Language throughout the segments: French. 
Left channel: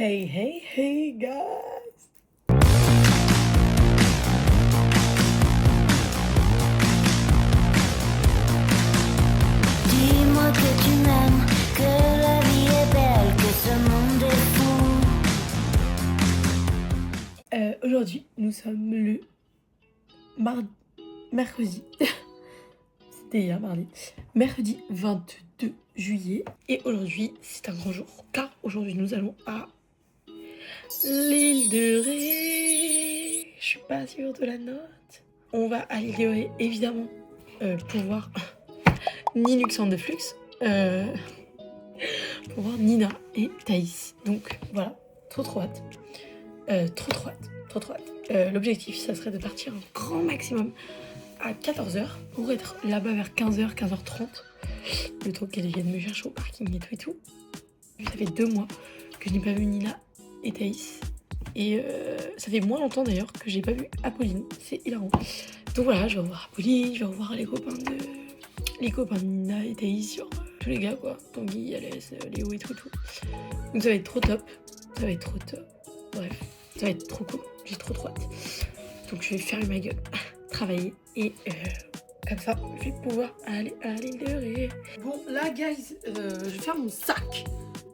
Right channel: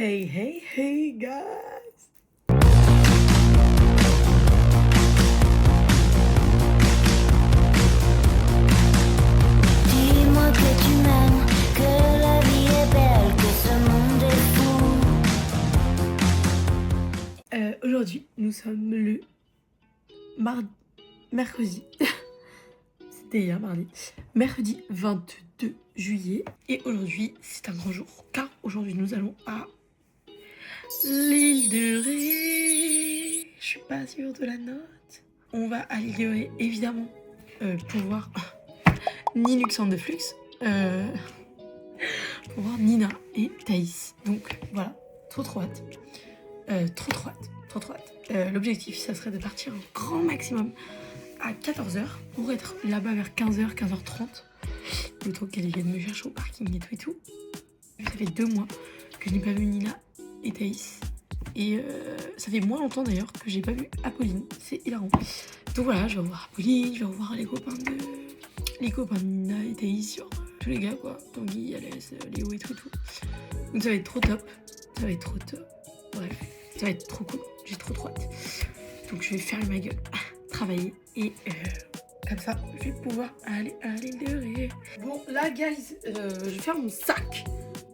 Hey, hey, hey, guys! Dis-moi que tu m'aimes, que la vie est belle, que ce monde est fou. Aujourd'hui, nous sommes le mercredi. C'était hier, mardi. Mercredi 22 juillet. Et aujourd'hui, c'est un grand jour. Car aujourd'hui, nous allons à l'île de Ré. Je suis pas sûre de la note. On va à l'île de Ré, évidemment, pour voir ni Luxandre de Flux. Pour voir Nina et Thaïs. Donc voilà, trop hâte. Trop hâte. L'objectif, ça serait de partir un grand maximum à 14h pour être là-bas vers 15h, 15h30. Le temps qu'elle vienne me chercher au parking et tout. Ça fait 2 mois que je n'ai pas vu Nina et Thaïs. Et ça fait moins longtemps d'ailleurs que j'ai pas vu Apolline. C'est hilarant. Donc voilà, je vais revoir Apolline, je vais revoir les copains de Nina et Thaïs, genre tous les gars quoi. Tanguy, Alès, Léo et tout. Donc ça va être trop top. Bref, ça va être trop cool. J'ai trop hâte. Donc je vais fermer ma gueule, travailler et comme ça je vais pouvoir aller à l'île de Ré. Bon là guys, je vais faire mon sac.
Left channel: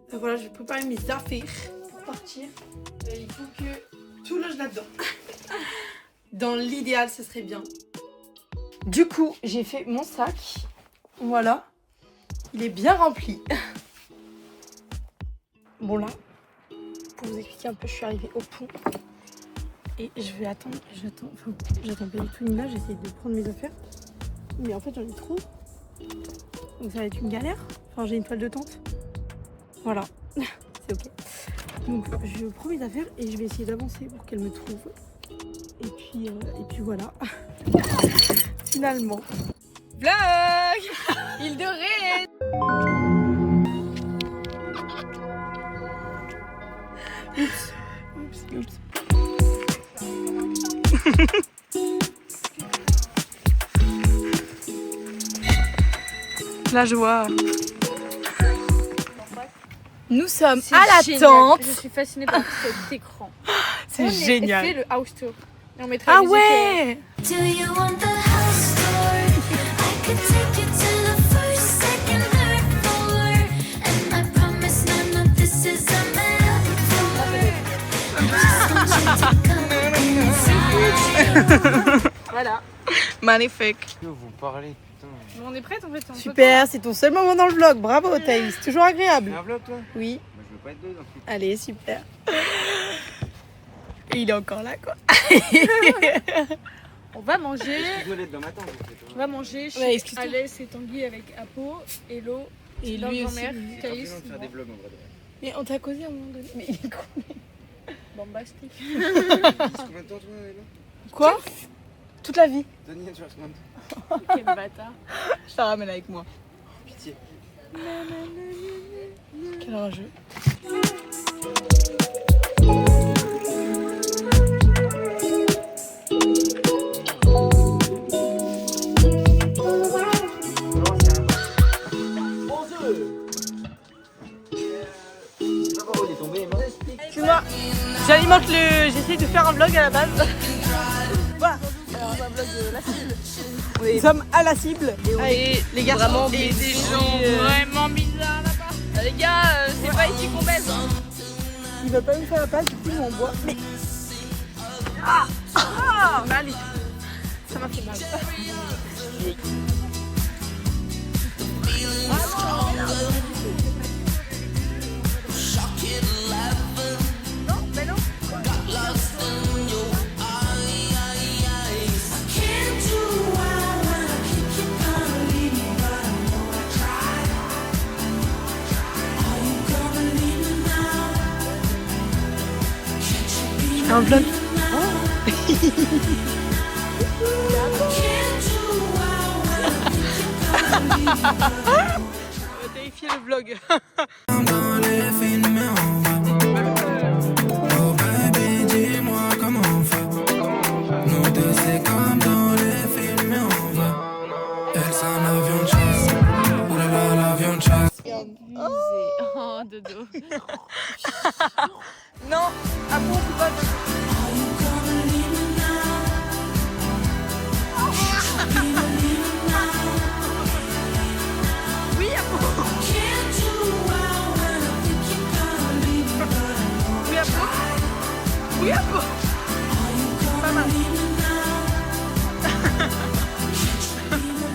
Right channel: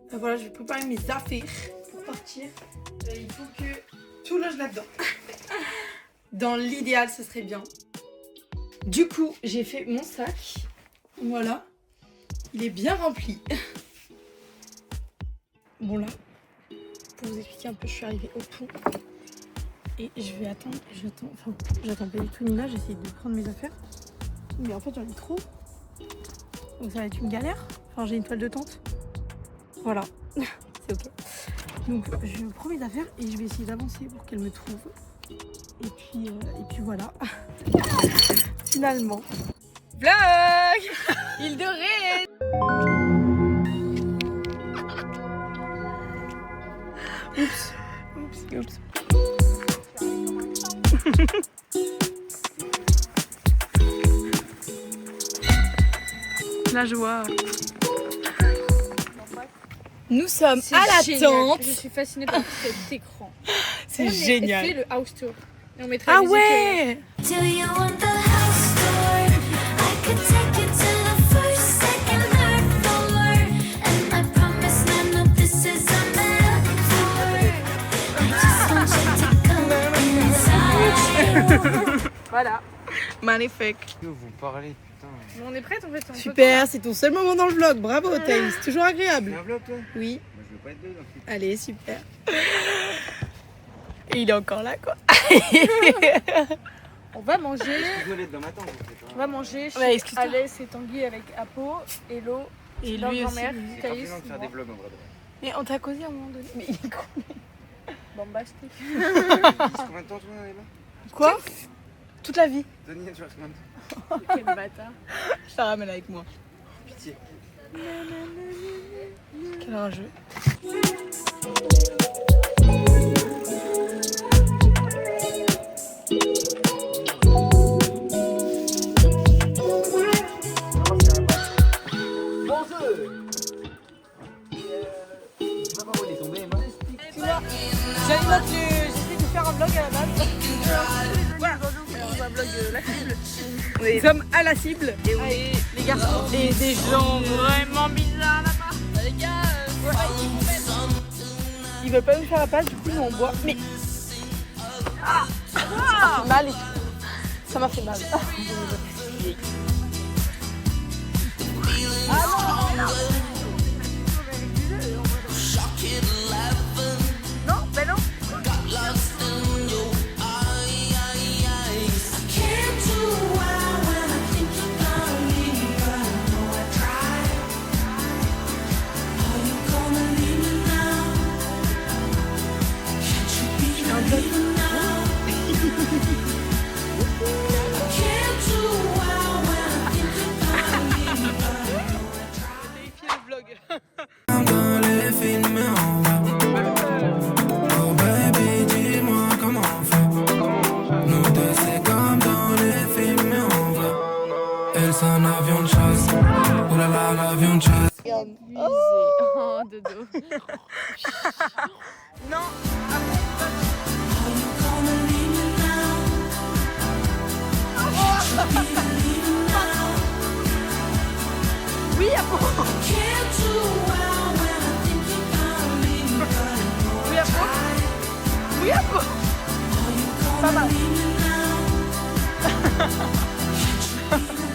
Enfin, voilà, je vais préparer mes affaires pour partir. Il faut que tout loge là-dedans. Dans l'idéal ce serait bien. Du coup j'ai fait mon sac. Voilà. Il est bien rempli. Bon là, pour vous expliquer un peu, je suis arrivée au pont. Et je vais attendre, j'attends pas du tout Nina, j'essaie de prendre mes affaires. Mais en fait j'en ai trop. Donc ça va être une galère. Enfin j'ai une toile de tente. Voilà, c'est ok. Donc je prends mes affaires et je vais essayer d'avancer pour qu'elle me trouve. Et puis voilà. Finalement. Vlog Île de Ré. Oups. La joie. Nous sommes C'est à la génial. tente. Je suis fascinée par cet écran. C'est génial. On fait le house tour. Et on mettra Ah les ouais. Do you want the house tour? I could take you to the first, second, third floor. And I promise none of this is a metaphor. I just want you to come inside. Voilà. Magnifique. Vous parlez, putain. Bon, on est prête en fait. Super, c'est ton seul moment dans le vlog. Bravo Thaïs, toujours agréable. C'est un vlog toi? Oui. Moi je veux pas être dedans. Allez, super. Et il est encore là quoi. On va manger. Je dois être dans ma tente. On va manger chez Ouais, excuse-toi. Alès et Tanguy avec Apo, Hello, Et leur lui grand-mère, aussi. Thaïs. C'est de faire des vlogs en vrai. Mais on t'a causé à un moment donné. Mais il est con. Bombastique. Combien de temps tu en es là? Quoi? Toute la vie. Daniel, tu restes combien de temps? Quel bâtard. Je la ramène avec moi. Pitié. Quel rageux. Excuse-moi, j'alimente le. J'essaie de faire un vlog à la base. Voilà. Alors, on va un vlog la cible. Nous sommes à la cible et on est les garçons et des gens Vraiment bizarre là-bas. Les gars, c'est pas ici qu'on met. Ils veulent pas nous faire la passe, du coup nous on boit. Mais mal. Ça m'a fait mal. Non, mais non. Un vlog. Vérifier le vlog. Oh baby, dis-moi comment on fait. Nous deux c'est comme dans les films, mais on va. Elle c'est un avion de chasse. Oulala, l'avion de chasse. Oh, dodo. Bouillapo. Bouillapo. Pas mal.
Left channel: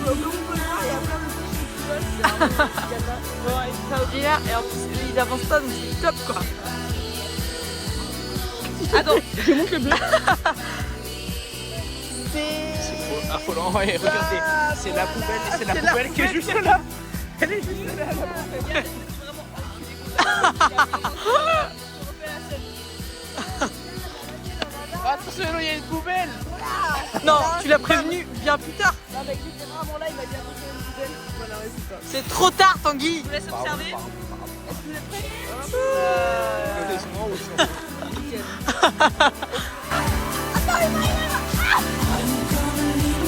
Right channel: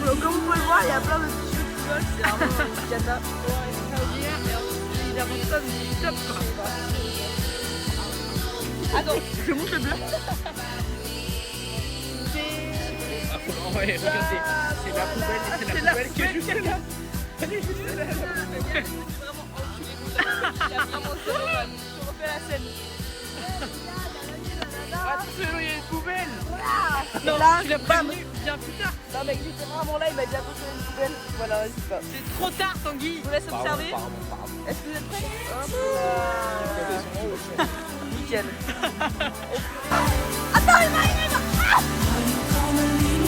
Comme vous pouvez le voir, il y a plein de petits choses qui volent. C'est vraiment une cata. Bon, il avance pas, donc c'est top quoi. Attends, Je monte le bleu. Ah, faut l'envoyer, regardez. C'est la poubelle, c'est la poubelle qui est juste là. Elle est juste là. on refait la scène. Attention, il y a une poubelle. Non, tu l'as prévenu bien plus tard. Non, mec, littéralement là, il a dit attention, il y a une poubelle. Voilà, ouais, c'est ça. C'est trop tard, Tanguy. Je vous laisse Pardon, observer. pardon. Est-ce que vous êtes prêts? Hop là. Nickel.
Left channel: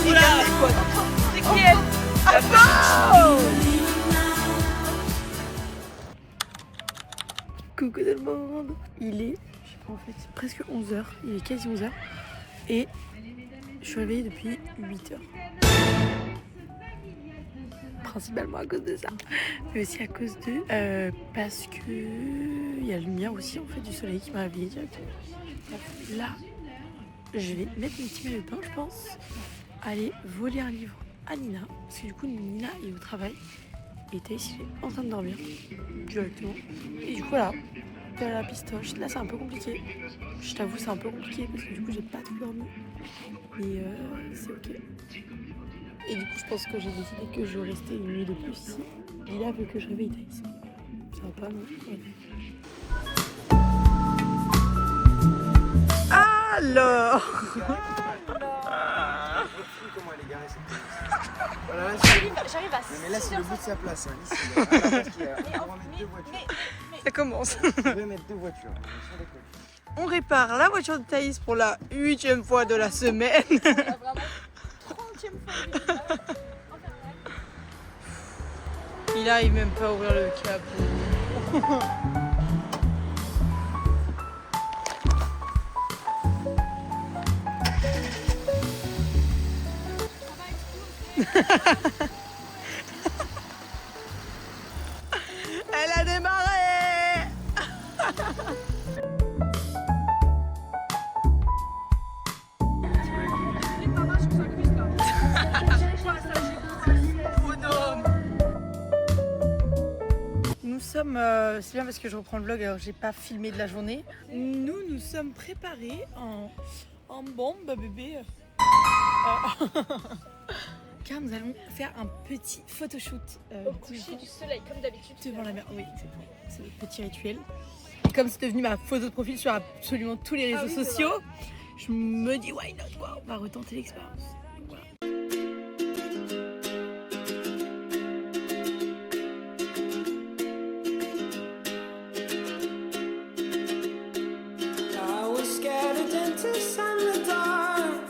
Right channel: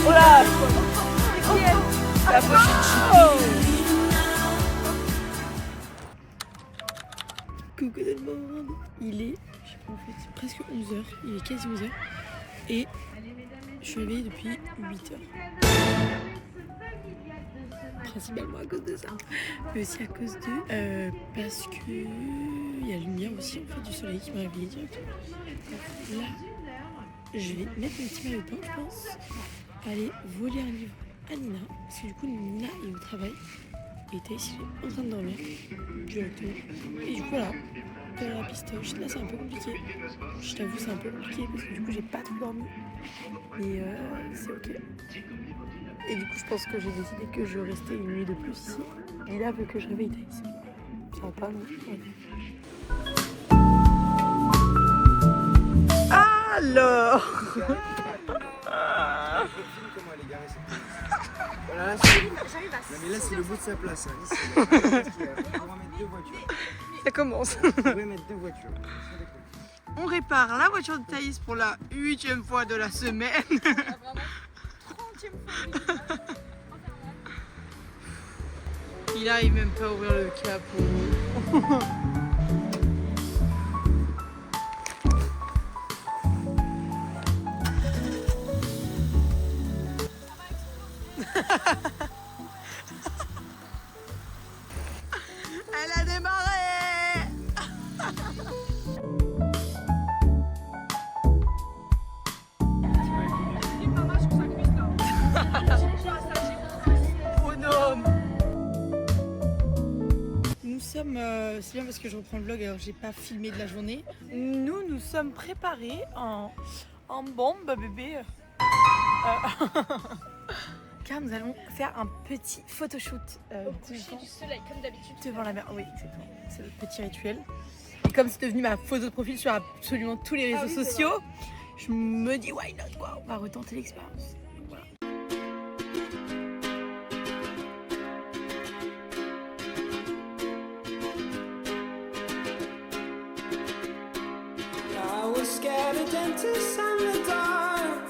Oula. C'est qui elle? Coucou tout le monde. Il est en fait presque 11h, il est quasi 11h et je suis réveillée depuis 8h. Principalement à cause de ça, mais aussi à cause de parce que il y a la lumière aussi en fait du soleil qui m'a réveillée directement. Là, je vais mettre mes petits maillots de bain, je pense, aller voler un livre à Nina, parce que du coup Nina est au travail et Thaïs est en train de dormir directement. Et du coup là, dans la pistoche, là c'est un peu compliqué. Je t'avoue c'est un peu compliqué parce que du coup j'ai pas tout dormi. Mais c'est ok. Et du coup je pense que j'ai décidé que je restais une nuit de plus ici. Lila veut que je réveille Thaïs. Ça va pas non. Ouais. Alors. Comment elle est garée cette place. Voilà, là c'est le bout. Non, mais là c'est le bout de sa place. Hein. Ici, on pourrait mettre deux voitures. Ça commence. On pourrait mettre deux voitures. On répare la voiture de Thaïs pour la 8e fois de la semaine. Il arrive même pas à ouvrir le capot. Elle a démarré. Nous sommes, c'est bien parce que je reprends le vlog, alors j'ai pas filmé de la journée. Nous sommes préparés en bombe bébé. Car nous allons faire un petit photoshoot Du soleil, comme d'habitude. devant la mer. Oui, exactement. C'est le petit rituel. Et comme c'est devenu ma photo de profil sur absolument tous les réseaux sociaux, je me dis why not quoi, on va retenter l'expérience. Donc, voilà. I was scared of dentists and the dark.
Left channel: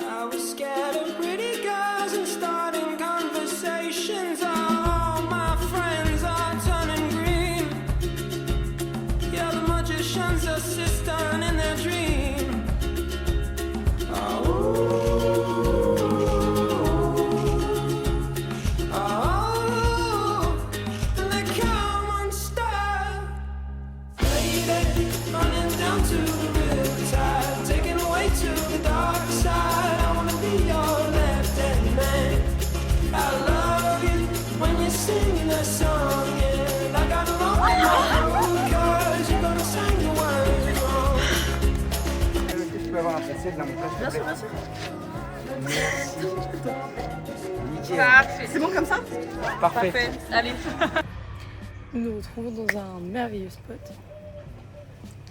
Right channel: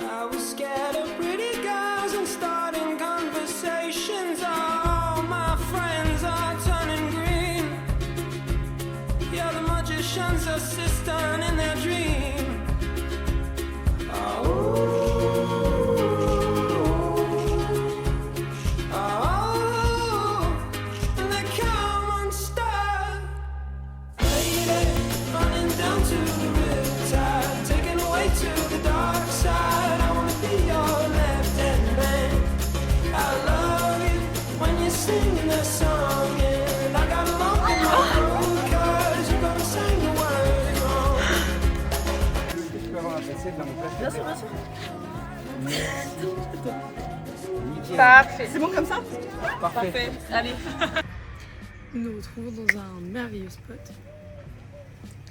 I was scared of pretty girls and starting conversations. All my friends are turning green. Yeah, the magician's assistant in their dream. Oh, and they come unstuck. Lady, running down to the riptide, taken away to the dark side. I wanna be your left-hand man. I love you when you're singing that song, and I got a lump in my throat 'cause you're gonna sing the words wrong. Est-ce que je peux avoir un PC dans mon place? Bien sûr, bien sûr. Nickel. Parfait. C'est bon comme ça? Parfait. Parfait. Allez. Nous nous retrouvons dans un merveilleux spot.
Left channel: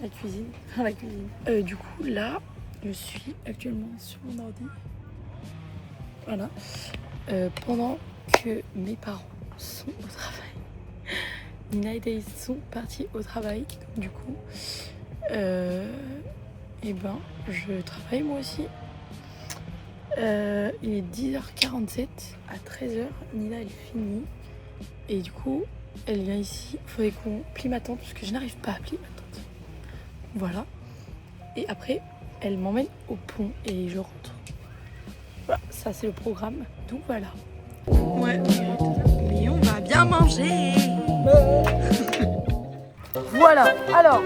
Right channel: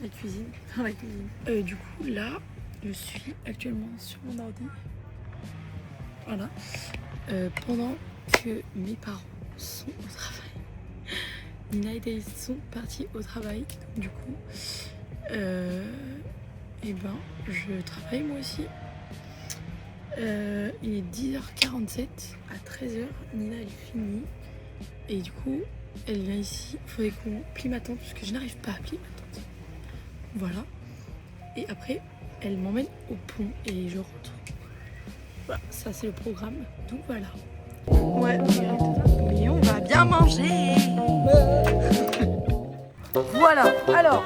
La cuisine. Enfin, la cuisine. Du coup, là, je suis actuellement sur mon ordi. Voilà. Pendant que mes parents sont au travail. Nina et Thaïs sont partis au travail. Donc, du coup, et ben, je travaille moi aussi. Il est 10h47. À 13h, Nina elle finit. Et du coup, elle vient ici. Il faudrait qu'on plie ma tente parce que je n'arrive pas à plier ma tente. Voilà. Et après, elle m'emmène au pont et je rentre. Voilà, ça c'est le programme. Donc voilà. Ouais, mais on va bien manger. Voilà, alors.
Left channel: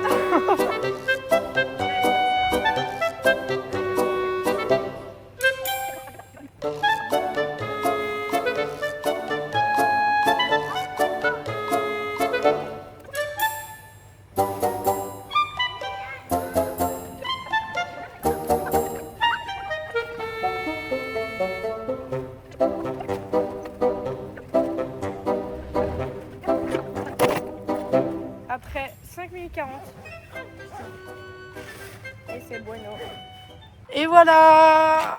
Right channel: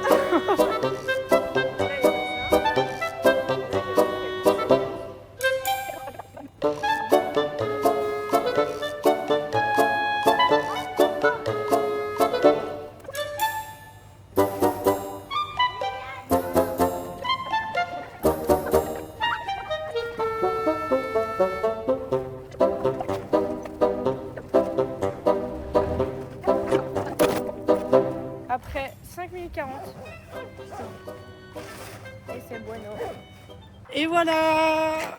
Après 5 minutes 40. Et c'est bueno. Et voilà.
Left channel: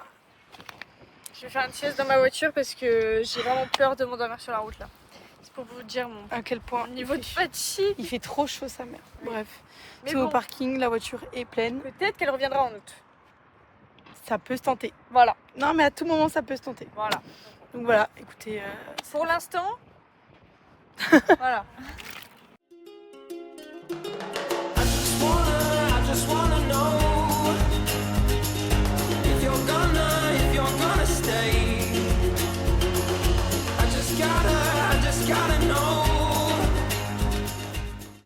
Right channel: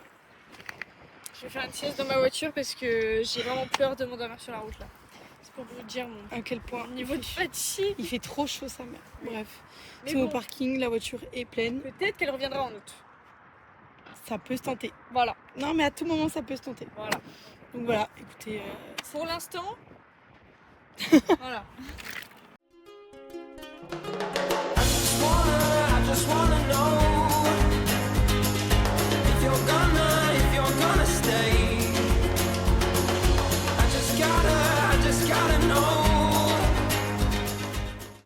Je vais faire une sieste dans ma voiture parce que j'ai vraiment peur de m'endormir sur la route là. C'est pour vous dire à quel point niveau de fatigue. Il fait trop chaud sa mère. Bref. Mais Tout au bon. parking, la voiture est pleine. Peut-être qu'elle reviendra en août. Ça peut se tenter. Voilà, Non mais à tout moment ça peut se tenter. voilà. Donc voilà, écoutez. Pour l'instant, voilà.